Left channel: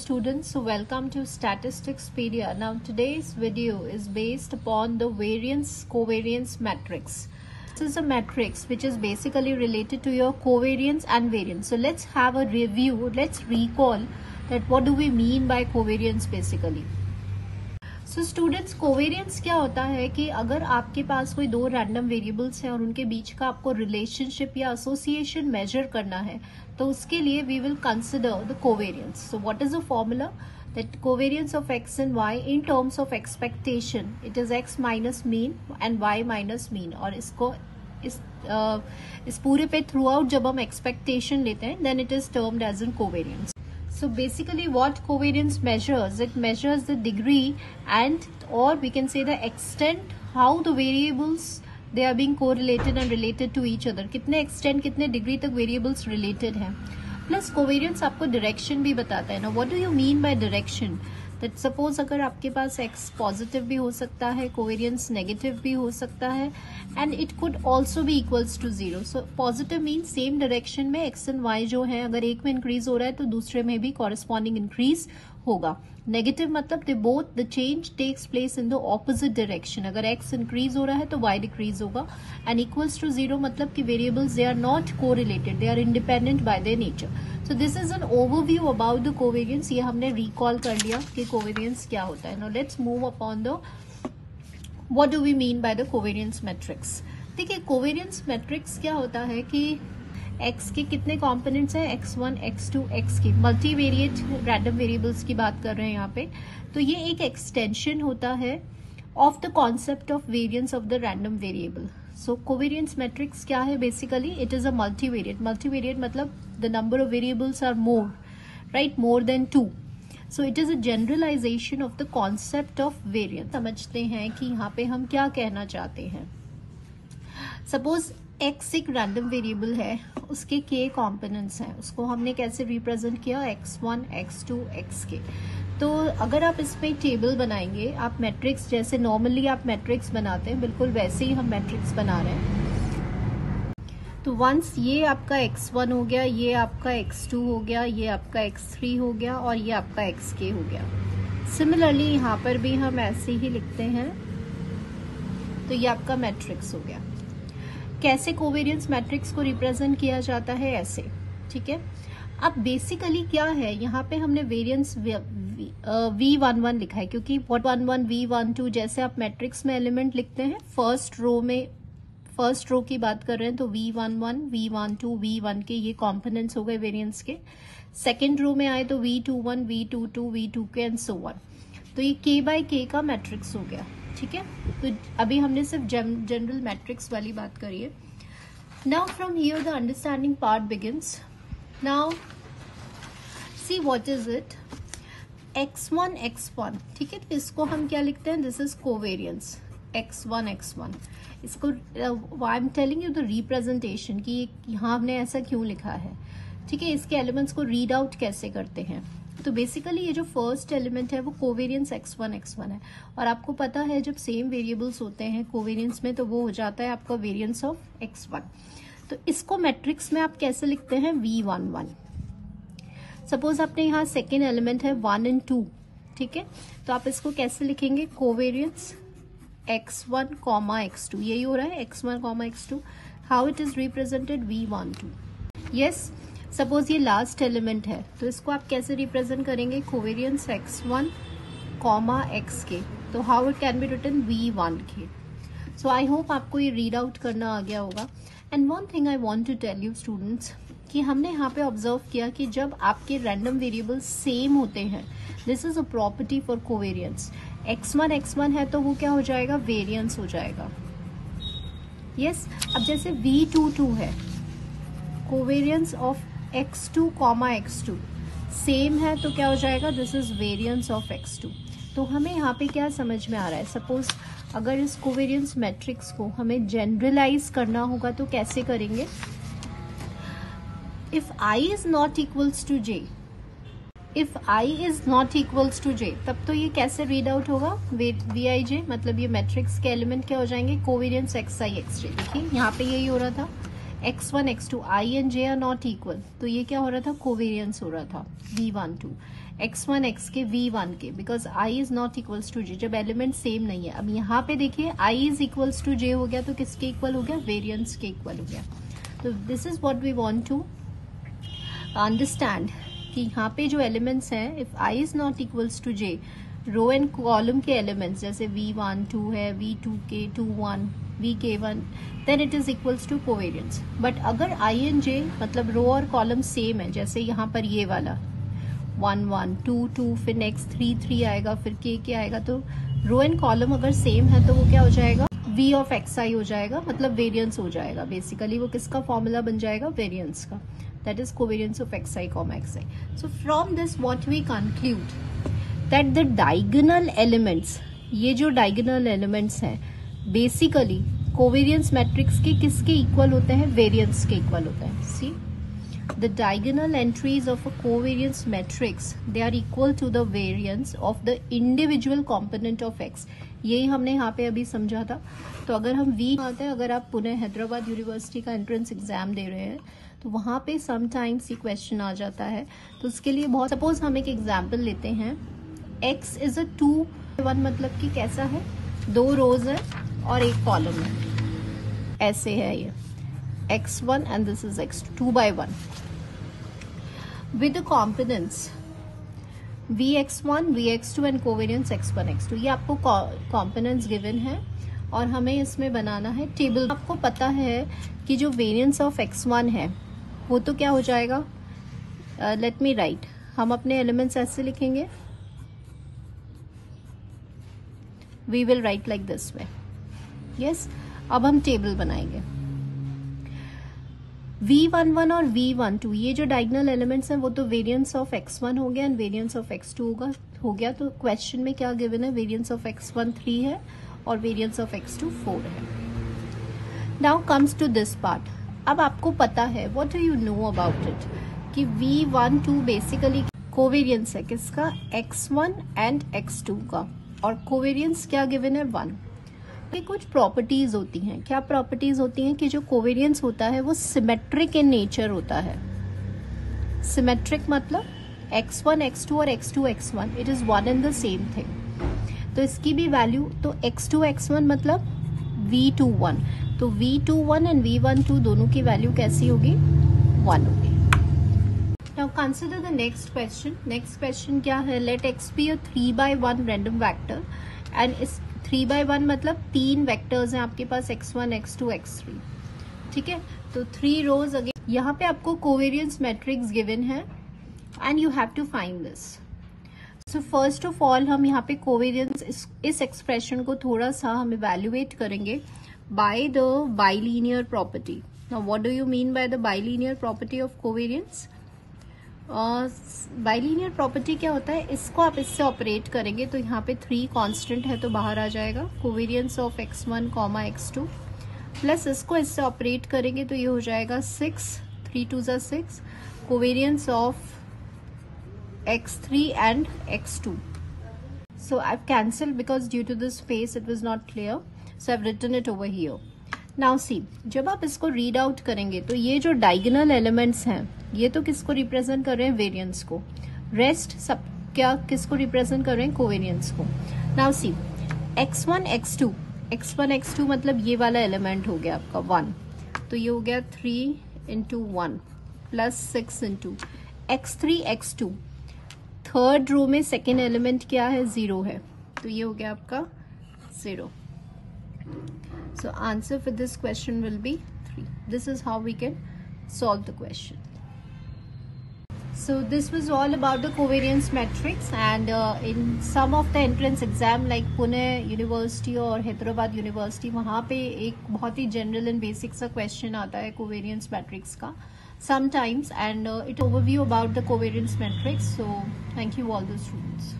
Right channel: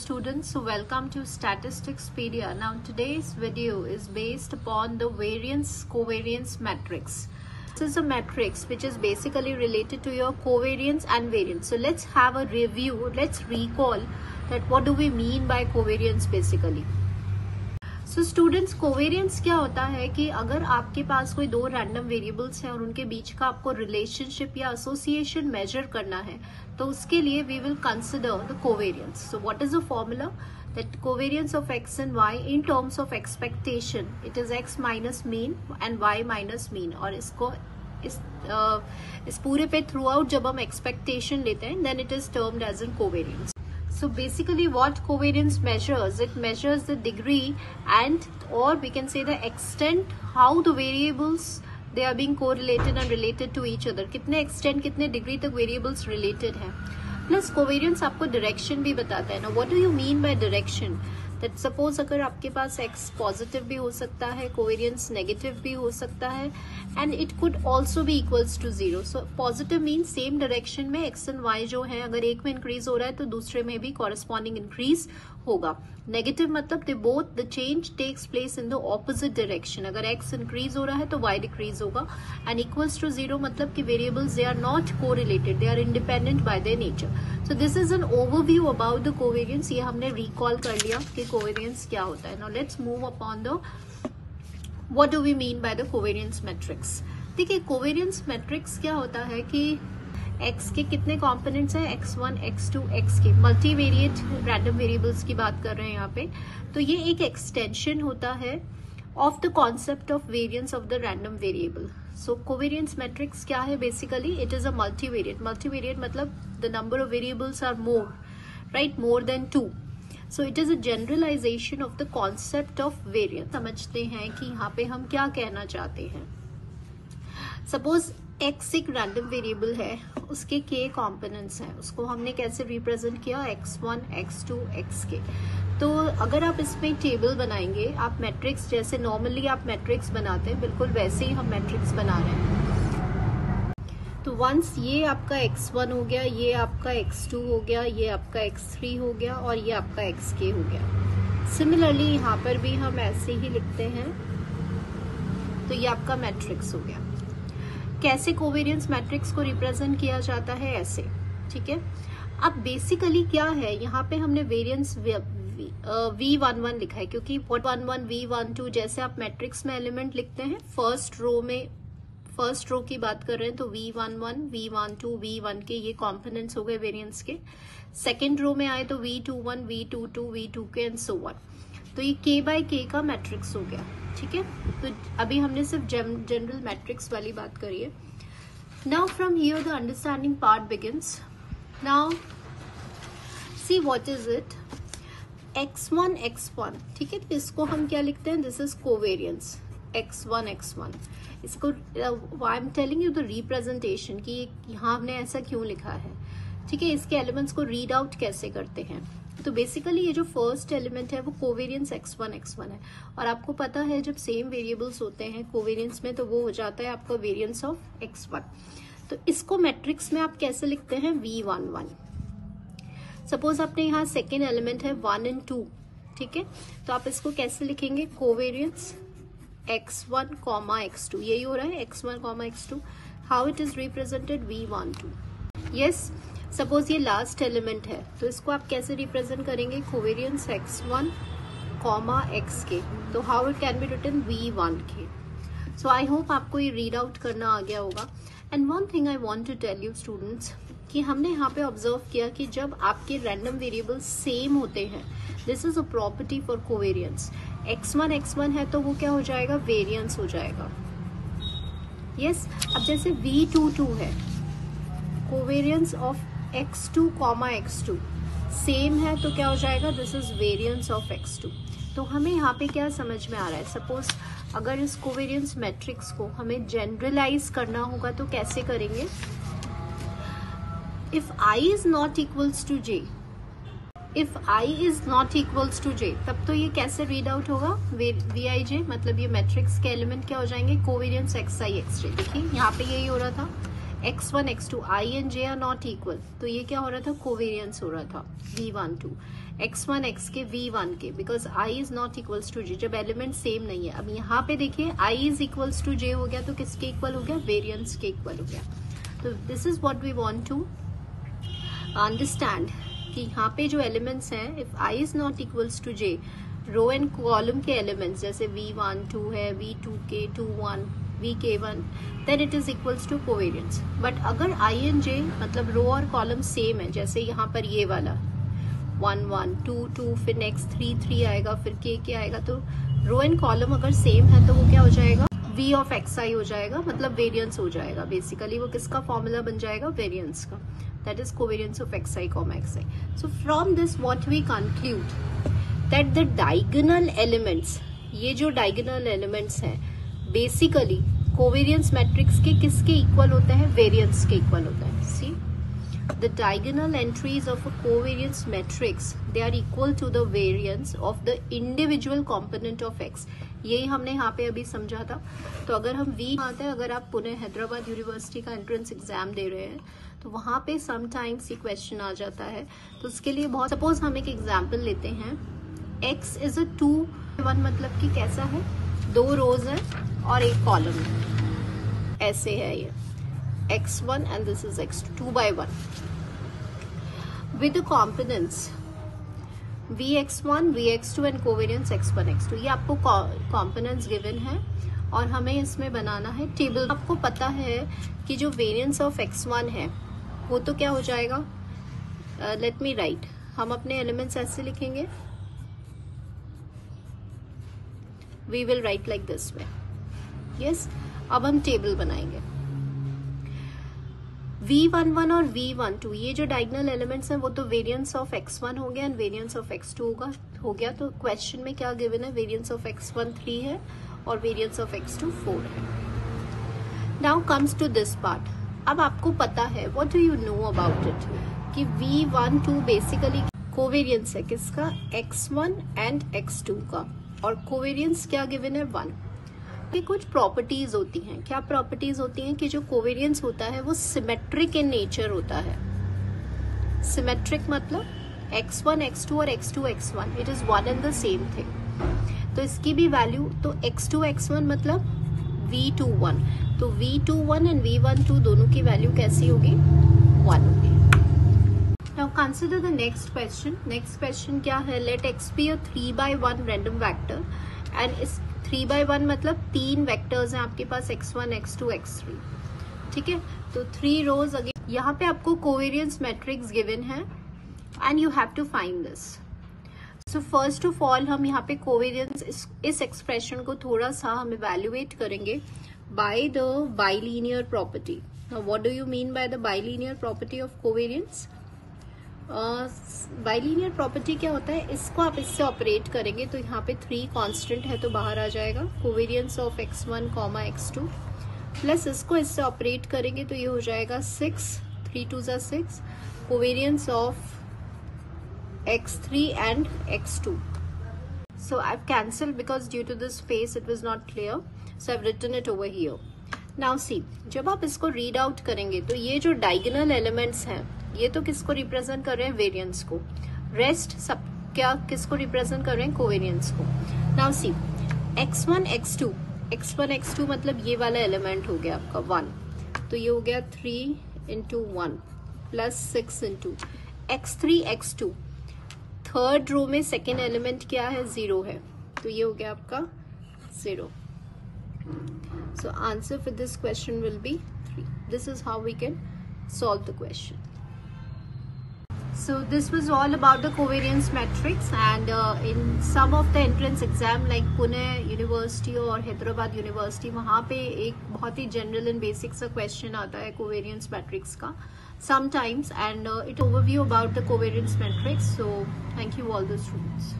students, so welcome to Statisticspedia. Now today's video is based upon the variance covariance matrix. This is a matrix which is basically related to your covariance and variance. So let's have a review, let's recall that what do we mean by covariance basically. So students, covariance क्या होता है कि अगर आपके पास कोई दो random variables हैं और उनके बीच का आपको रिलेशनशिप या एसोसिएशन मेजर करना है तो उसके लिए we will consider the covariance. So what is the formula? That covariance of x and y in terms of expectation it is x minus mean and y minus mean. और इसको इस पूरे पे थ्रू आउट जब हम expectation लेते हैं then it is termed as an covariance. So basically what covariance measures, it measures the degree and or we can say the extent how the variables they are being correlated and related to each other. कितने extent कितने degree तक variables related हैं. Plus covariance आपको direction भी बताता है. Now what do you mean by direction? That suppose अगर आपके पास x पॉजिटिव भी हो सकता है, कोवेरियंस नेगेटिव भी हो सकता है and it could also be equals to zero. So positive mean same direction में x एंड y जो है अगर एक में इंक्रीज हो रहा है तो दूसरे में भी कॉरेस्पॉन्डिंग इंक्रीज होगा. नेगेटिव मतलब they both the change takes place in the opposite direction. अगर x इंक्रीज हो रहा है तो y डिक्रीज होगा. एंड इक्वल्स टू जीरो मतलब कि variables they are not correlated, they are independent by their nature. So this is an overview about the covariance. ये हमने recall कर लिया कि covariance क्या होता है. Now let's move upon the what do we mean by the covariance matrix. देखिए covariance matrix क्या होता है कि x के कितने components हैं, x1, x2, x के multivariate random variables की बात कर रहे हैं यहाँ पे. तो ये एक extension होता है of the concept of variance of the random variable. So covariance matrix क्या है basically? It is a multivariate. Multivariate मतलब the number of variables are more, right? More than 2. So it is a generalization of the concept of variance. समझते हैं कि यहाँ पे हम क्या कहना चाहते हैं. Suppose x एक रैंडम वेरिएबल है, उसके k कॉम्पोनेंट्स हैं, उसको हमने कैसे रिप्रेजेंट किया, x1, x2, xk. तो अगर आप इसमें टेबल बनाएंगे, आप मैट्रिक्स जैसे नॉर्मली आप मैट्रिक्स बनाते हैं बिल्कुल वैसे ही हम मैट्रिक्स बना रहे हैं. तो वंस ये आपका x1 हो गया, ये आपका x2 हो गया, ये आपका x3 हो गया और ये आपका xk हो गया. सिमिलरली यहाँ पर भी हम ऐसे ही लिखते हैं. तो ये आपका मैट्रिक्स हो गया. कैसे कोवेरियंस मैट्रिक्स को रिप्रेजेंट किया जाता है, ऐसे. ठीक है. अब बेसिकली क्या है, यहाँ पे हमने वेरियंस V11 लिखा है क्योंकि V11, V12 जैसे आप मैट्रिक्स में एलिमेंट लिखते हैं फर्स्ट रो की बात कर रहे हैं तो V11, V12, V1 के ये कॉम्पोनेंट्स हो गए वेरियंस के. सेकेंड रो में आए तो V21, V22, V2 के एंड सो ऑन. तो ये k बाय k का मैट्रिक्स हो गया. ठीक है. तो अभी हमने सिर्फ जनरल मैट्रिक्स वाली बात करी है. Now from here the understanding part begins. Now see what is it. x1, x1. ठीक है. तो इसको हम क्या लिखते हैं, this is covariance x1, x1. इसको I am telling you the representation कि यहाँ हमने ऐसा क्यों लिखा है. ठीक है. इसके एलिमेंट्स को रीड आउट कैसे करते हैं. तो बेसिकली ये जो फर्स्ट एलिमेंट है वो कोवेरियंस x1, x1 है. और आपको पता है जब सेम वेरिएबल्स होते हैं कोवेरियंस में तो वो हो जाता है आपका वेरियंस ऑफ x1. तो इसको मैट्रिक्स में आप कैसे लिखते हैं, V11. सपोज आपने यहाँ सेकेंड एलिमेंट है 1 एंड 2. ठीक है. तो आप इसको कैसे लिखेंगे, कोवेरियंस x1, x2. यही हो रहा है x1, x2. How it is represented, V12. Yes. Suppose ये लास्ट एलिमेंट है तो इसको आप कैसे रिप्रेजेंट करेंगे, कोवेरियंस x1, xk. तो how it can be written, V1k. So I hope आपको ये रीड आउट करना आ गया होगा. And one thing I want to tell you students कि हमने यहाँ पे ऑब्जर्व किया कि जब आपके रैंडम वेरिएबल्स सेम होते हैं, this is a property for covariance. x1, x1 है तो वो क्या हो जाएगा, वेरियंस हो जाएगा. यस. अब जैसे V22 है, covariance of x2, x2 same है तो क्या हो जाएगा, this is variance of x2. तो हमें यहाँ पे क्या समझ में आ रहा है, सपोज अगर इस कोवेरियंस मैट्रिक्स को हमें जनरलाइज करना होगा तो कैसे करेंगे. If i is not equals to j, if i is not equals to j तब तो ये कैसे रीड आउट होगा, Vij मतलब ये मैट्रिक्स के एलिमेंट क्या हो जाएंगे, कोवेरियंस xi, xj. देखिए यहाँ पे यही हो रहा था, x1, x2, i and j are not equal तो ये क्या हो रहा था, कोवेरियंस हो रहा था V12. x1 x के v1 के, because i is not equals to j, जब एलिमेंट सेम नहीं है। अब यहाँ पे देखिए i is equals to j हो गया तो किसके इक्वल हो गया, वेरिएंस के इक्वल हो गया। तो this is what we want to understand कि यहाँ पे जो एलिमेंट्स हैं, if i is not equals to j, row and column के एलिमेंट्स जैसे v1 2 है, v2 k 2 1, vk1, then it is equals to covariance. But अगर i एंड j मतलब रो और कॉलम सेम है, जैसे यहाँ पर ये वाला 1 1 2 2, फिर नेक्स्ट 3 3 आएगा, फिर k आएगा, तो रो एंड कॉलम अगर सेम है तो वो क्या हो जाएगा, v ऑफ xi हो जाएगा, मतलब वेरियंस हो जाएगा। बेसिकली वो किसका फॉर्मूला बन जाएगा, वेरियंस का, that is covariance of xi, xi। So from this what we conclude that the diagonal elements, ये जो डायगोनल एलिमेंट्स हैं बेसिकली कोवेरियंस मैट्रिक्स के किसके इक्वल होते हैं, वेरियंस के इक्वल होते हैं। सी the diagonal entries of a covariance matrix, they are equal to the variance of the individual component of x। यही हमने यहाँ पे अभी समझा था। तो अगर हम v आते हैं, अगर आप पुणे हैदराबाद यूनिवर्सिटी का एंट्रेंस एग्जाम दे रहे हैं तो वहाँ पे समटाइम्स ये क्वेश्चन आ जाता है। तो उसके लिए बहुत, सपोज हम एक एग्जाम्पल लेते हैं, x इज अ 2 1, मतलब कि कैसा है, 2 रोज है और एक कॉलम है, ऐसे है ये x1 and this is x2, 2 by 1 with the components vx1 vx2 and covariance x1 x2। ये आपको components given है और हमें इसमें बनाना है टेबल। आपको पता है कि जो वेरिएंस ऑफ x1 है वो तो क्या हो जाएगा, लेट मी राइट, हम अपने एलिमेंट्स ऐसे लिखेंगे, we will write like this में, यस। अब हम टेबल बनाएंगे, v11 और v12 ये जो डायगोनल एलिमेंट्स हैं वो तो वेरिएंस ऑफ x1 हो गया एंड वेरिएंस ऑफ x2 हो गया। तो क्वेश्चन में क्या गिवन है, वेरिएंस ऑफ x1 3 है और वेरिएंस ऑफ x2 4 है। Now comes to this part. अब आपको पता है, what do you know about it, कि v12 बेसिकली कोवेरियंस है किसका, x1 एंड x2 का, और कोवेरियंस क्या गिवन है, 1। कि कुछ प्रॉपर्टीज होती हैं, क्या प्रॉपर्टीज होती हैं कि जो कोवेरियंस होता है वो सिमेट्रिक इन नेचर होता है। सिमेट्रिक मतलब x1 x2 और x2 x1 it is one and the same thing. तो इसकी भी वैल्यू, तो x2 x1 मतलब v21, तो v21 एंड v12 दोनों की वैल्यू कैसी होगी, 1। Now consider the next question. Next question क्या है, let x be a 3 by 1 random vector and इस 3 by 1 मतलब 3 वेक्टर्स हैं आपके पास, x1 x2 x3, ठीक है। तो 3 रोज अगेन, यहाँ पे आपको कोवेरियंस मैट्रिक्स गिवन है and you have to find this. So first of all हम यहाँ पे कोवेरियंस, इस एक्सप्रेशन को थोड़ा सा हम इवेल्युएट करेंगे by the bilinear property. Now what do you mean by the bilinear property of covariance. Bilinear property क्या होता है, इसको आप इससे ऑपरेट करेंगे तो यहाँ पे 3 कांस्टेंट है तो बाहर आ जाएगा, covariance of x1, x2, plus इसको इससे ऑपरेट करेंगे तो ये हो जाएगा 6, 3 2 ज़ा 6, covariance of x3 and x2। So I have cancelled because due to this space it was not clear, so I have written it over here. Now see, जब आप इसको रीड आउट करेंगे तो ये जो डायगोनल एलिमेंट्स हैं ये तो किसको रिप्रेजेंट कर रहे हैं, वेरिएंस को, रेस्ट सब क्या किसको रिप्रेजेंट कर रहे हैं, कोवेरियंस को। नाउ सी, x1 x2 मतलब ये वाला एलिमेंट हो गया आपका 1, तो ये हो गया 3 into 1 plus 6 into x3 x2, third row में सेकेंड एलिमेंट क्या है, 0 है, तो ये हो गया आपका 0। So answer for this question will be 3. This is how we can solve the question. So this was all about the covariance matrix, and in some of the entrance exam like Pune University और Hyderabad university, वहाँ पे एक बहुत ही general and basic सा question आता है covariance matrix का sometimes, and it overview about the covariance matrix. So thank you all the students.